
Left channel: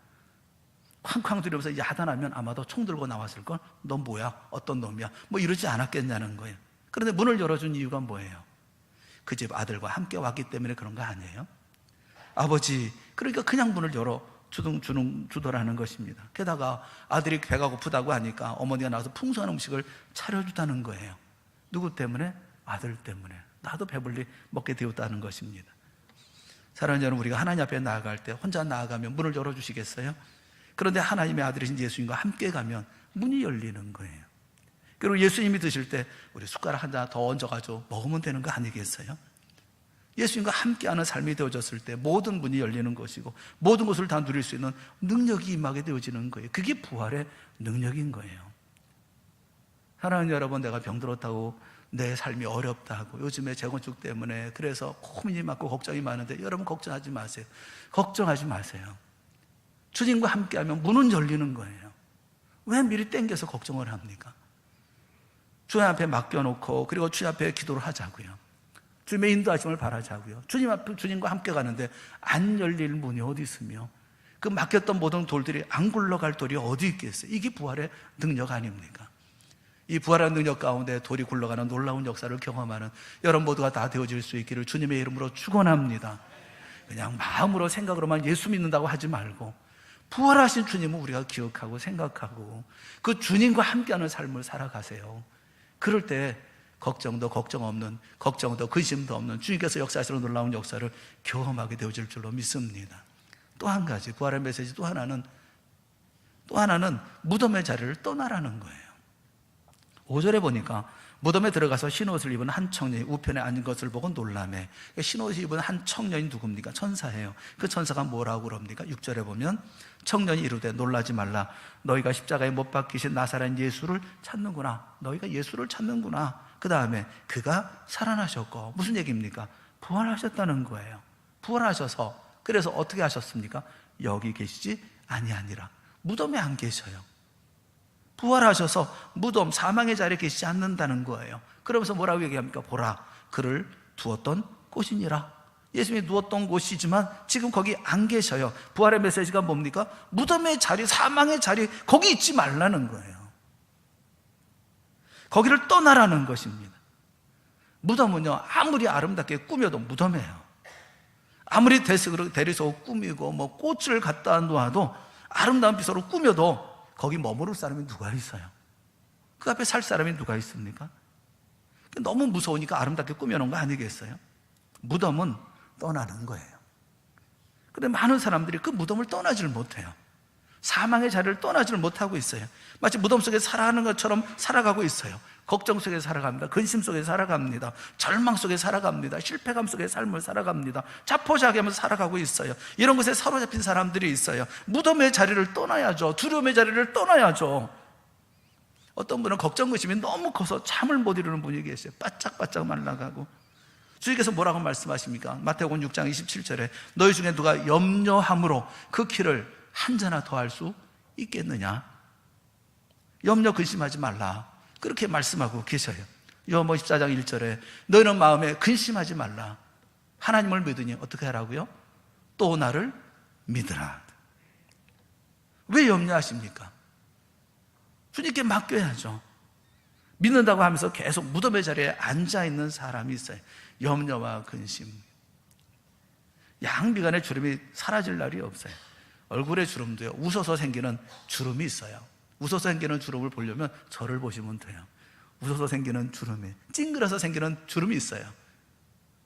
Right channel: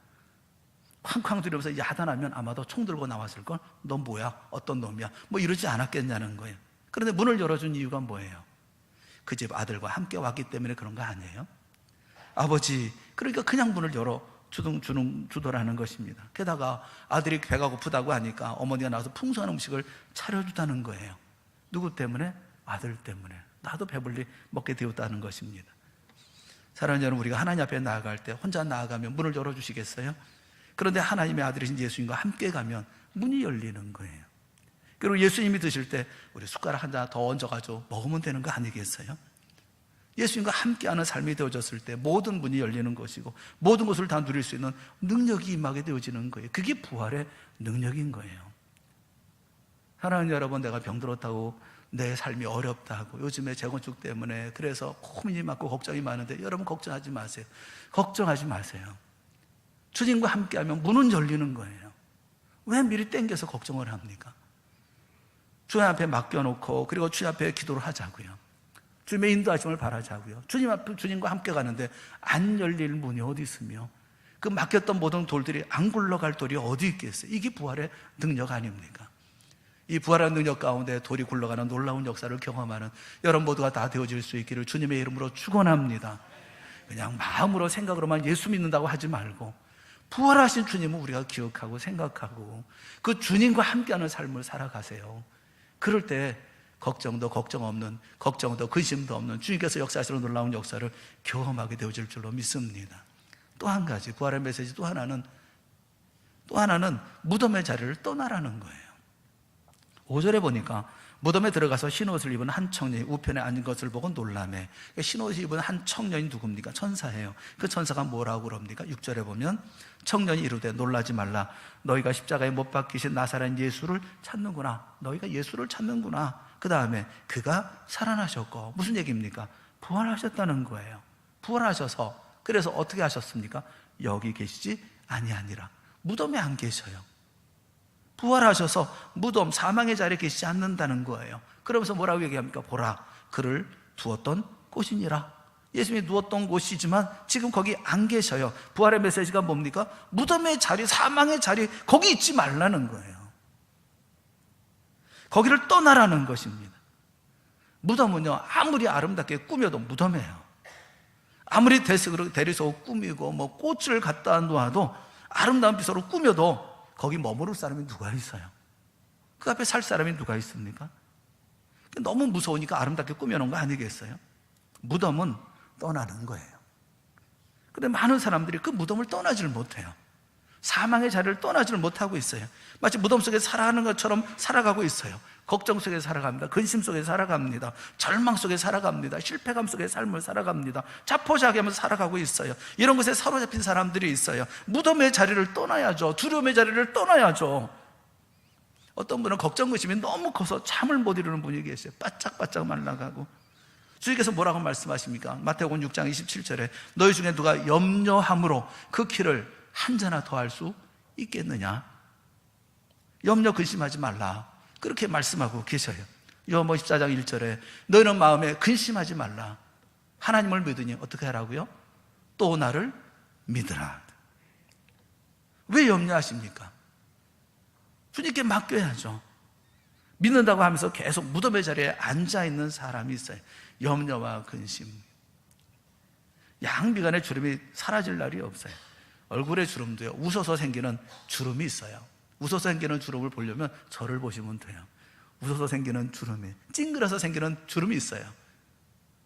쾅쾅 두드리면서 야단하면 아마도 총 들고 나왔을걸? 넌 뭐야? 어떤 놈이야? 뭐 이러지 않았겠냐는 거예요. 그런데 문을 열어준 이유가 뭐예요? 그 집 아들과 함께 왔기 때문에 그런 거 아니에요? 아버지, 그러니까 그냥 문을 열어 주더라는 것입니다. 게다가 아들이 배가 고프다고 하니까 어머니가 나와서 풍성한 음식을 차려주다는 거예요. 누구 때문에? 아들 때문에. 나도 배불리 먹게 되었다는 것입니다. 사랑하는 여러분, 우리가 하나님 앞에 나아갈 때 혼자 나아가면 문을 열어주시겠어요? 그런데 하나님의 아들이신 예수님과 함께 가면 문이 열리는 거예요. 그리고 예수님이 드실 때 우리 숟가락 하나 더 얹어가지고 먹으면 되는 거 아니겠어요? 예수님과 함께하는 삶이 되어졌을 때 모든 문이 열리는 것이고 모든 것을 다 누릴 수 있는 능력이 임하게 되어지는 거예요. 그게 부활의 능력인 거예요. 사랑하는 여러분, 내가 병들었다고 내 삶이 어렵다고 요즘에 재건축 때문에 그래서 고민이 많고 걱정이 많은데, 여러분 걱정하지 마세요. 걱정하지 마세요. 주님과 함께하면 문은 열리는 거예요. 왜 미리 땡겨서 걱정을 합니까? 주님 앞에 맡겨놓고 그리고 주님 앞에 기도를 하자고요. 주님의 인도하심을 바라자고요. 주님과 함께 가는데 안 열릴 문이 어디 있으며 그 맡겼던 모든 돌들이 안 굴러갈 돌이 어디 있겠어요? 이게 부활의 능력 아닙니까? 이 부활의 능력 가운데 돌이 굴러가는 놀라운 역사를 경험하는 여러분 모두가 다 되어질 수 있기를 주님의 이름으로 축원합니다. 그냥 마음으로 생각으로만 예수 믿는다고 하지 말고 부활하신 주님을 우리가 기억하고 생각하고 그 주님과 함께하는 삶을 살아가세요. 그럴 때 걱정도 근심도 없는 주님께서 역사하시는 놀라운 역사를 경험하게 되어질 줄로 믿습니다. 또 한 가지 부활의 메시지 또 하나는 무덤의 자리를 떠나라는 거예요. 5절에 보니까 무덤에 들어가서 흰옷을 입은 한 청년이 우편에 앉은 것을 보고 놀라매. 흰옷을 입은 한 청년이 누굽니까? 천사예요. 그 천사가 뭐라고 그럽니까? 6절에 보면 청년이 이르되 놀라지 말라. 너희가 십자가에 못 박히신 나사렛 예수를 찾는구나. 너희가 예수를 찾는구나. 그 다음에 그가 살아나셨고, 무슨 얘기입니까? 부활하셨다는 거예요. 부활하셔서 그래서 어떻게 하셨습니까? 여기 계시지 아니하니라. 무덤에 안 계셔요. 부활하셔서 무덤 사망의 자리에 계시지 않는다는 거예요. 그러면서 뭐라고 얘기합니까? 보라, 그를 두었던 곳이니라. 예수님이 누웠던 곳이지만 지금 거기 안 계셔요. 부활의 메시지가 뭡니까? 무덤의 자리, 사망의 자리, 거기 있지 말라는 거예요. 거기를 떠나라는 것입니다. 무덤은요, 아무리 아름답게 꾸며도 무덤이에요. 아무리 대리석으로 꾸미고 뭐 꽃을 갖다 놓아도 아름다운 비서로 꾸며도 거기 머무를 사람이 누가 있어요? 그 앞에 살 사람이 누가 있습니까? 너무 무서우니까 아름답게 꾸며놓은 거 아니겠어요? 무덤은 떠나는 거예요. 그런데 많은 사람들이 그 무덤을 떠나지를 못해요. 사망의 자리를 떠나지를 못하고 있어요. 마치 무덤 속에 살아가는 것처럼 살아가고 있어요. 걱정 속에 살아갑니다. 근심 속에 살아갑니다. 절망 속에 살아갑니다. 실패감 속에 삶을 살아갑니다. 자포자기하면서 살아가고 있어요. 이런 것에 사로잡힌 사람들이 있어요. 무덤의 자리를 떠나야죠. 두려움의 자리를 떠나야죠. 어떤 분은 걱정 근심이 너무 커서 잠을 못 이루는 분이 계세요. 바짝바짝 말라가고. 주님께서 뭐라고 말씀하십니까? 마태복음 6장 27절에 너희 중에 누가 염려함으로 그 키를 한 자나 더 할 수 있겠느냐? 염려 근심하지 말라. 그렇게 말씀하고 계셔요. 요한복음 14장 1절에 너희는 마음에 근심하지 말라. 하나님을 믿으니 어떻게 하라고요? 또 나를 믿으라. 왜 염려하십니까? 주님께 맡겨야죠. 믿는다고 하면서 계속 무덤의 자리에 앉아있는 사람이 있어요. 염려와 근심. 양비간의 주름이 사라질 날이 없어요. 얼굴에 주름도요, 웃어서 생기는 주름이 있어요. 웃어서 생기는 주름을 보려면 저를 보시면 돼요. 웃어서 생기는 주름이, 찡그려서 생기는 주름이 있어요.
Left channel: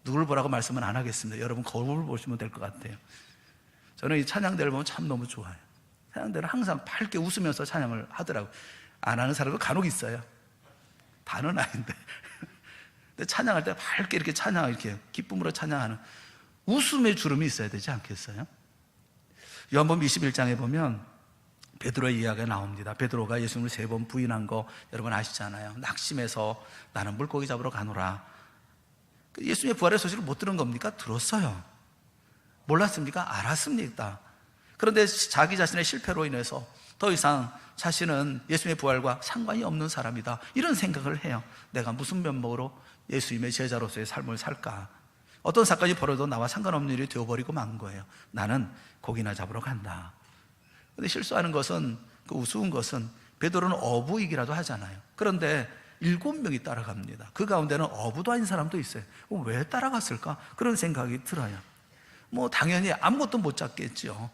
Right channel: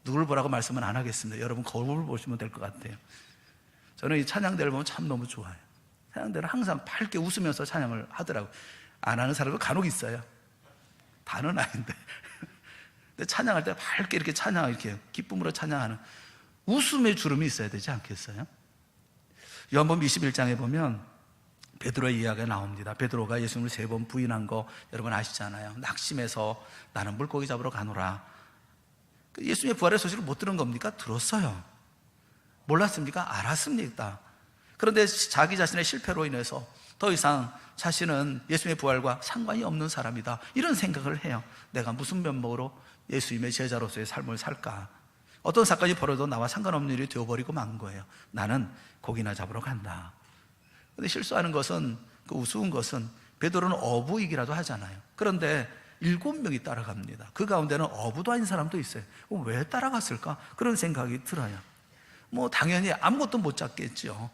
누굴 보라고 말씀은 안 하겠습니다. 여러분 거울을 보시면 될 것 같아요. 저는 이 찬양대를 보면 참 너무 좋아요. 찬양대는 항상 밝게 웃으면서 찬양을 하더라고요. 안 하는 사람도 간혹 있어요. 다는 아닌데. 근데 찬양할 때 밝게 이렇게 이렇게 기쁨으로 찬양하는 웃음의 주름이 있어야 되지 않겠어요? 요한복음 21장에 보면 베드로의 이야기가 나옵니다. 베드로가 예수님을 3번 부인한 거 여러분 아시잖아요. 낙심해서 나는 물고기 잡으러 가노라. 예수님의 부활의 소식을 못 들은 겁니까? 들었어요. 몰랐습니까? 알았습니다. 그런데 자기 자신의 실패로 인해서 더 이상 자신은 예수님의 부활과 상관이 없는 사람이다, 이런 생각을 해요. 내가 무슨 면목으로 예수님의 제자로서의 삶을 살까? 어떤 사건이 벌어도 나와 상관없는 일이 되어버리고 만 거예요. 나는 고기나 잡으러 간다. 근데 실수하는 것은, 그 우스운 것은 베드로는 어부이기라도 하잖아요. 그런데 7명이 따라갑니다. 그 가운데는 어부도 아닌 사람도 있어요. 왜 따라갔을까? 그런 생각이 들어요. 당연히 아무것도 못 잡겠죠.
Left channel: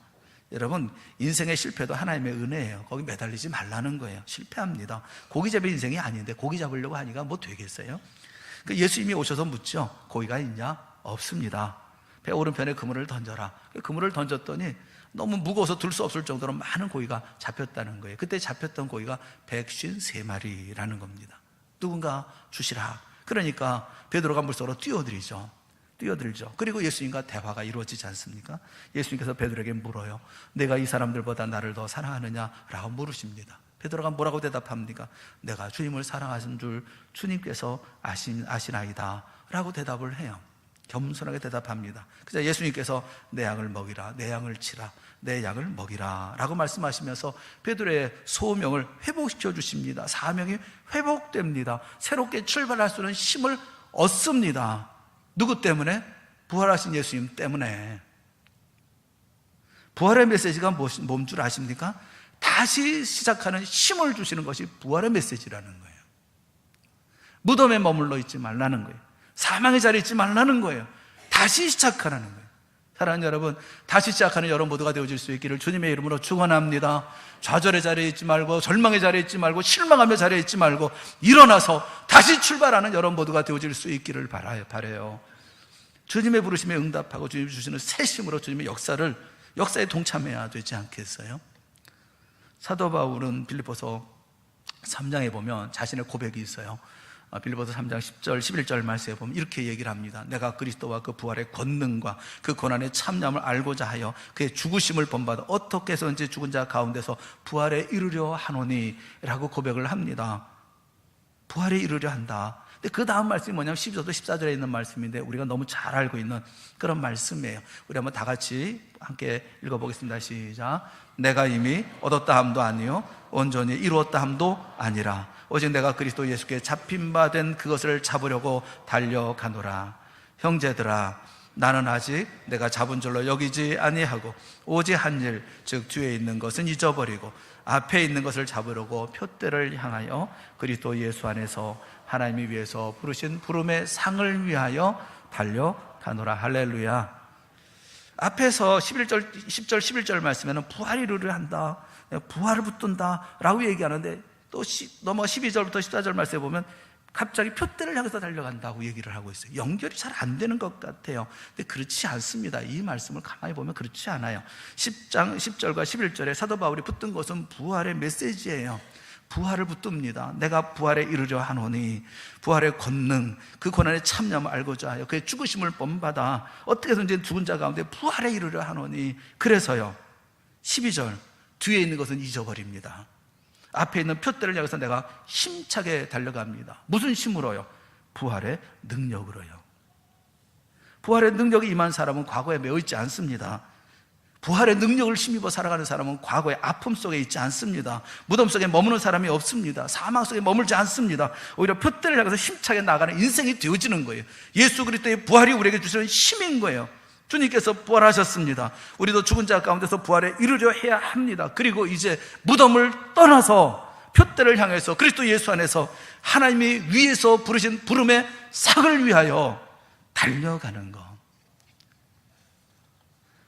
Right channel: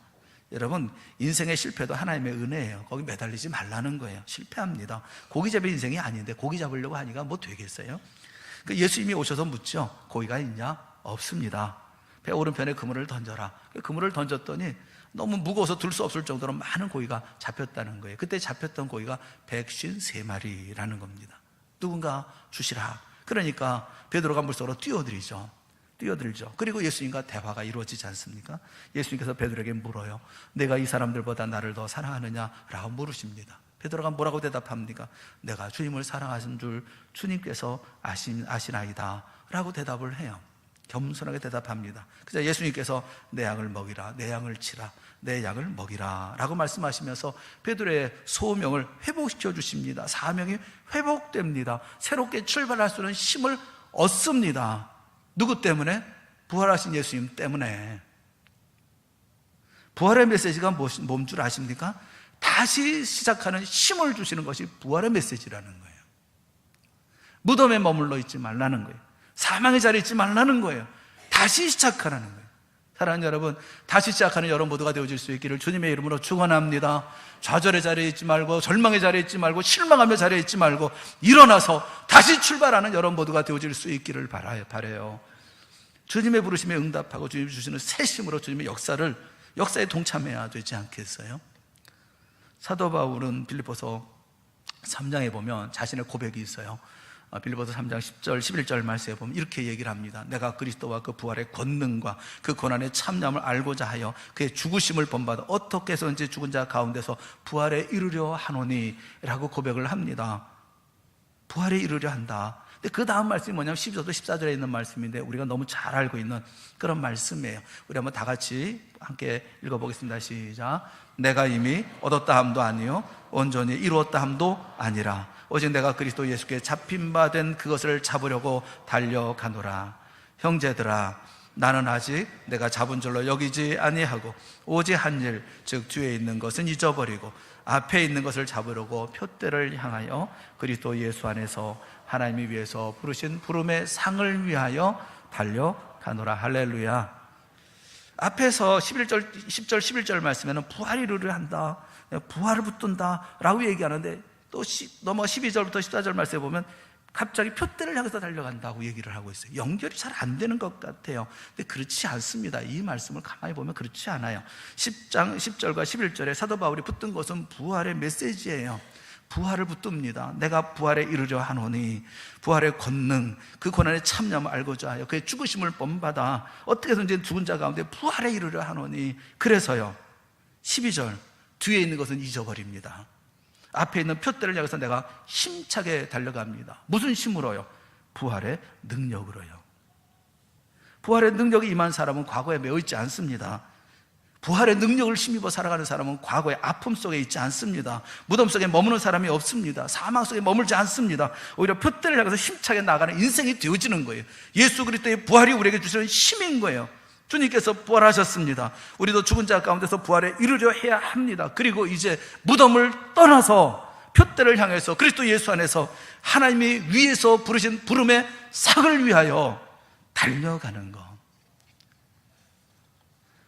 여러분, 인생의 실패도 하나님의 은혜예요. 거기 매달리지 말라는 거예요. 실패합니다. 고기 잡을 인생이 아닌데 고기 잡으려고 하니까 뭐 되겠어요? 예수님이 오셔서 묻죠. 고기가 있냐? 없습니다. 배 오른편에 그물을 던져라. 그물을 던졌더니 너무 무거워서 들 수 없을 정도로 많은 고기가 잡혔다는 거예요. 그때 잡혔던 고기가 153마리라는 겁니다. 누군가 주시라. 그러니까 베드로가 물속으로 뛰어들죠. 그리고 예수님과 대화가 이루어지지 않습니까? 예수님께서 베드로에게 물어요. 내가 이 사람들보다 나를 더 사랑하느냐? 라고 물으십니다. 베드로가 뭐라고 대답합니까? 내가 주님을 사랑하신 줄 주님께서 아시나이다 라고 대답을 해요. 겸손하게 대답합니다. 그래서 예수님께서 내 양을 먹이라, 내 양을 치라, 내 양을 먹이라 라고 말씀하시면서 베드로의 소명을 회복시켜 주십니다. 사명이 회복됩니다. 새롭게 출발할 수 있는 힘을 얻습니다. 누구 때문에? 부활하신 예수님 때문에. 부활의 메시지가 뭔 줄 아십니까? 다시 시작하는 힘을 주시는 것이 부활의 메시지라는 거예요. 무덤에 머물러 있지 말라는 거예요. 사망의 자리에 있지 말라는 거예요. 다시 시작하라는 거예요. 사랑하는 여러분, 다시 시작하는 여러분 모두가 되어질 수 있기를 주님의 이름으로 축원합니다. 좌절의 자리에 있지 말고, 절망의 자리에 있지 말고, 실망하며 자리에 있지 말고, 일어나서 다시 출발하는 여러분 모두가 되어질 수 있기를 바라요. 주님의 부르심에 응답하고 주님이 주시는 새 힘으로 주님의 역사에 동참해야 되지 않겠어요? 사도 바울은 빌립보서 3장에 보면 자신의 고백이 있어요. 빌립보서 3장 10절 11절 말씀에 보면 이렇게 얘기를 합니다. 내가 그리스도와 그 부활의 권능과 그 고난의 참념을 알고자 하여 그의 죽으심을 본받아 어떻게 해서든지 죽은 자 가운데서 부활에 이르려 하노니 라고 고백을 합니다. 부활에 이르려 한다. 근데 그 다음 말씀이 뭐냐면 12절도 14절에 있는 말씀인데 우리가 너무 잘 알고 있는 그런 말씀이에요. 우리 한번 다 같이 함께 읽어보겠습니다. 시작. 내가 이미 얻었다 함도 아니요 온전히 이루었다 함도 아니라 오직 내가 그리스도 예수께 잡힌 바 된 그것을 잡으려고 달려가노라. 형제들아, 나는 아직 내가 잡은 줄로 여기지 아니하고 오직 한 일, 즉 뒤에 있는 것은 잊어버리고 앞에 있는 것을 잡으려고 표대를 향하여 그리스도 예수 안에서 하나님이 위해서 부르신 부름의 상을 위하여 달려가노라. 할렐루야. 앞에서 10절 11절 말씀에는 부활이 이르려 한다, 부활을 붙든다 라고 얘기하는데 또 넘어 12절부터 14절 말씀에 보면 갑자기 표대를 향해서 달려간다고 얘기를 하고 있어요. 연결이 잘 안 되는 것 같아요. 근데 그렇지 않습니다. 이 말씀을 가만히 보면 그렇지 않아요. 10장 10절과 11절에 사도 바울이 붙든 것은 부활의 메시지예요. 부활을 붙듭니다. 내가 부활에 이르려 하노니 부활의 권능, 그 고난의 참념을 알고자 하여 그의 죽으심을 본받아 어떻게든지 죽은 자 가운데 부활에 이르려 하노니. 그래서요 12절 뒤에 있는 것은 잊어버립니다. 앞에 있는 표대를 향해서 내가 힘차게 달려갑니다. 무슨 힘으로요? 부활의 능력으로요. 부활의 능력이 임한 사람은 과거에 매여 있지 않습니다. 부활의 능력을 힘입어 살아가는 사람은 과거의 아픔 속에 있지 않습니다. 무덤 속에 머무는 사람이 없습니다. 사망 속에 머물지 않습니다. 오히려 표대를 향해서 힘차게 나가는 인생이 되어지는 거예요. 예수 그리스도의 부활이 우리에게 주시는 힘인 거예요. 주님께서 부활하셨습니다. 우리도 죽은 자 가운데서 부활에 이르려 해야 합니다. 그리고 이제 무덤을 떠나서 표대를 향해서 그리스도 예수 안에서 하나님이 위에서 부르신 부름의 상을 위하여 달려가는 것.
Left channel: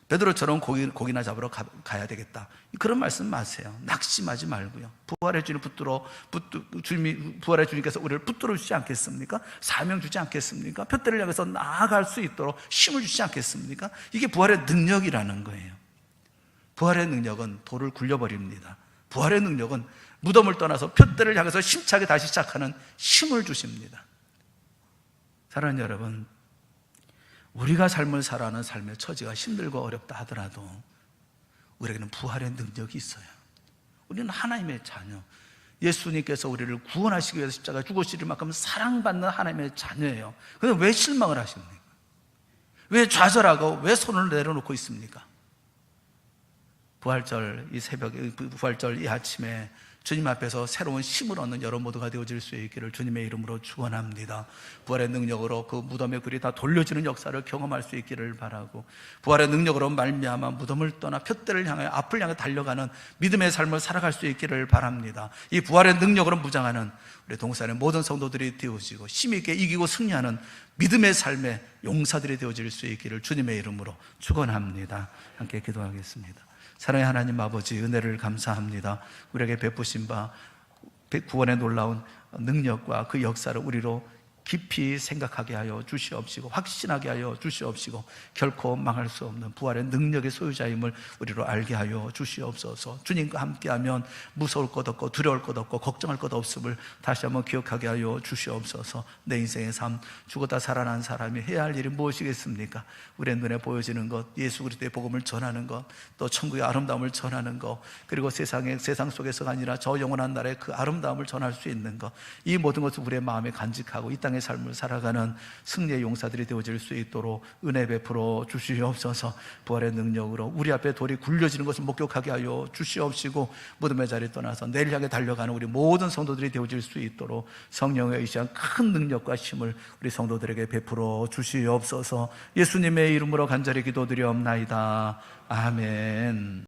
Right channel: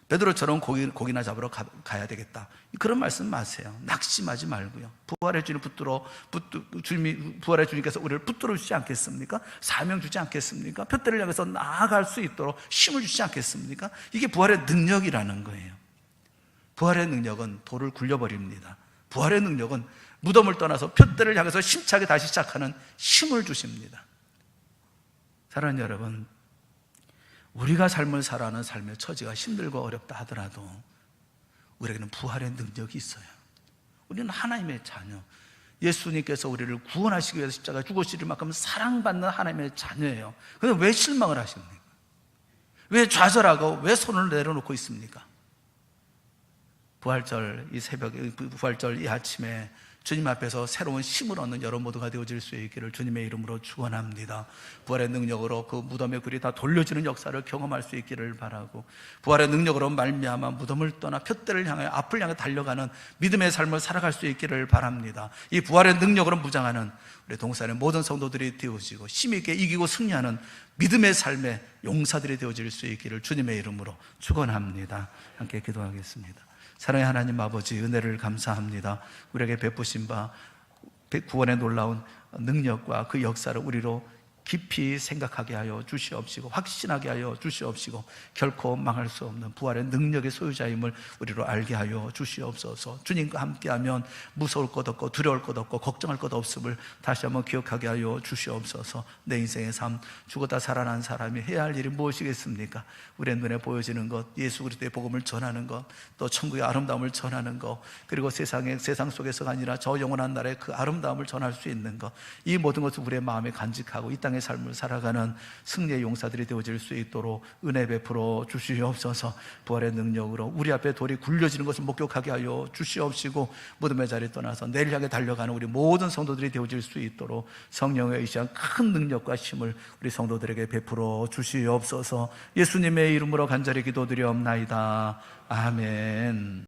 베드로처럼 고기나 잡으러 가야 되겠다, 그런 말씀 마세요. 낙심하지 말고요. 부활의 주님께서 우리를 붙들어 주지 않겠습니까? 사명 주지 않겠습니까? 표대를 향해서 나아갈 수 있도록 힘을 주지 않겠습니까? 이게 부활의 능력이라는 거예요. 부활의 능력은 돌을 굴려버립니다. 부활의 능력은 무덤을 떠나서 표대를 향해서 힘차게 다시 시작하는 힘을 주십니다. 사랑하는 여러분, 우리가 삶을 살아가는 삶의 처지가 힘들고 어렵다 하더라도 우리에게는 부활의 능력이 있어요. 우리는 하나님의 자녀, 예수님께서 우리를 구원하시기 위해서 십자가에 죽으실 만큼 사랑받는 하나님의 자녀예요. 그런데 왜 실망을 하십니까? 왜 좌절하고 왜 손을 내려놓고 있습니까? 부활절 이 새벽에, 부활절 이 아침에 주님 앞에서 새로운 힘을 얻는 여러분 모두가 되어질 수 있기를 주님의 이름으로 축원합니다. 부활의 능력으로 그 무덤의 글이 다 돌려지는 역사를 경험할 수 있기를 바라고, 부활의 능력으로 말미암아 무덤을 떠나 표대를 향해 앞을 향해 달려가는 믿음의 삶을 살아갈 수 있기를 바랍니다. 이 부활의 능력으로 무장하는 우리 동산의 모든 성도들이 되어지고 힘있게 이기고 승리하는 믿음의 삶의 용사들이 되어질 수 있기를 주님의 이름으로 축원합니다. 함께 기도하겠습니다. 사랑의 하나님 아버지, 은혜를 감사합니다. 우리에게 베푸신 바 구원의 놀라운 능력과 그 역사를 우리로 깊이 생각하게 하여 주시옵시고 확신하게 하여 주시옵시고 결코 망할 수 없는 부활의 능력의 소유자임을 우리로 알게 하여 주시옵소서. 주님과 함께하면 무서울 것 없고 두려울 것 없고 걱정할 것 없음을 다시 한번 기억하게 하여 주시옵소서. 내 인생의 삶, 죽었다 살아난 사람이 해야 할 일이 무엇이겠습니까? 우리의 눈에 보여지는 것, 예수 그리스도의 복음을 전하는 것, 또 천국의 아름다움을 전하는 것, 그리고 세상 속에서가 아니라 저 영원한 나라의 그 아름다움을 전할 수 있는 것, 이 모든 것을 우리의 마음에 간직하고 이 땅의 삶을 살아가는 승리의 용사들이 되어질 수 있도록 은혜 베풀어 주시옵소서. 부활의 능력으로 우리 앞에 돌이 굴려지는 것을 목격하게 하여 주시옵시고 무덤의 자리에 떠나서 내일 향해 달려가는 우리 모든 성도들이 되어질 수 있도록 성령의 의시한 큰 능력과 힘을 우리 성도들에게 베풀어 주시옵소서. 예수님의 이름으로 간절히 기도드리옵나이다. 아멘.